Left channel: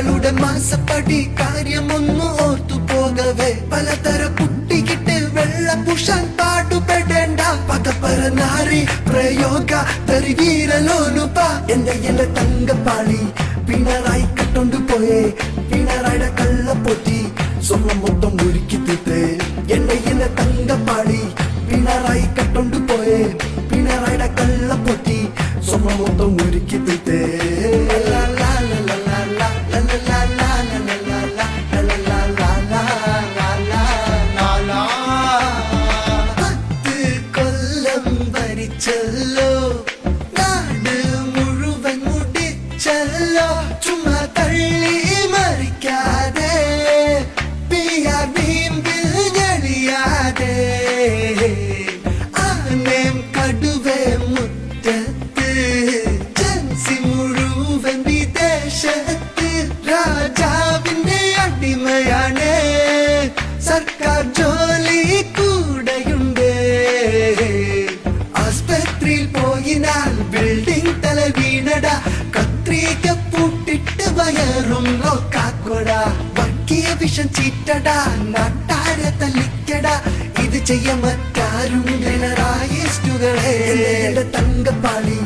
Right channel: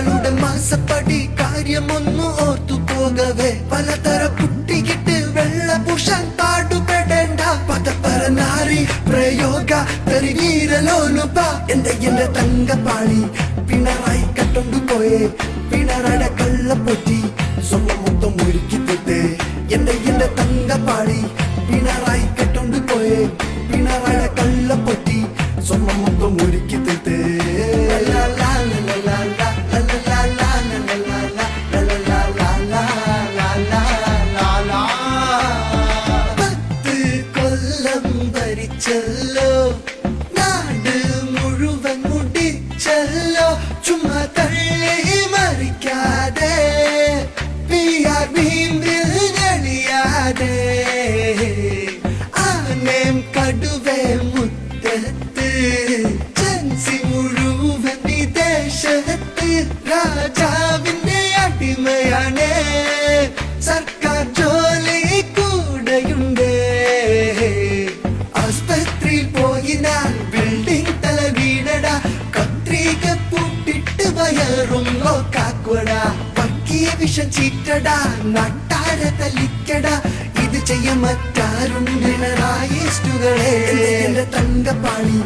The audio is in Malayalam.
മകളുടെ മാസപ്പടി കാര്യമൊന്നു ഓർത്തു പോകവേ പലതര കുട്ടികിട്ട് വെള്ള പുഷാൻ പാടുപെടേണ്ട പകപ്പറ നാരി പ്രയോഗ തെരുവീരലോനുപ എന്റെ തങ്കപ്പാളി പിണറായി കട്ടൊണ്ടുപോയേ പിണറായുടെ കള്ളപ്പൊട്ടി സ്വർണ്ണം മൊത്തം ഒരുക്കി തിട്ടേ എന്റെ തങ്കപ്പാളി പിണറായി കട്ടൊണ്ടുപോയേ പിണറായുടെ കള്ളപ്പൊട്ടി സ്വർണ്ണം മൊത്തം ഒരുക്കി തിട്ടേ ഭരിച്ചല്ലോ നാട് മുഴുവൻ മുടിച്ചല്ലോ ചുമ്മാ തള്ളി മറിക്കാതെ ഞെളിയാതെ ആനേം കടുവേ മുറ്റത്ത് ചൻസി മുഴുവൻ വിദേശത്ത് രാജാവിന്റെ അടിമയാണ് സർക്കാർ ജോലി കൂടെയുണ്ട് ആസ്പത്രിയിൽ പോയിനാൽ ബിൽഡിംഗ് തല വീടട കത്രിക പൂട്ടിട്ട് വയറും നോക്കാക്കുട വർഗീയ വിഷം ചീറ്റട നട്ടാര തല്ലിക്കട ഇത് ചെയ്യാൻ മറ്റാരും പിണറായിസ്റ്റുകളെ തങ്കപ്പാളി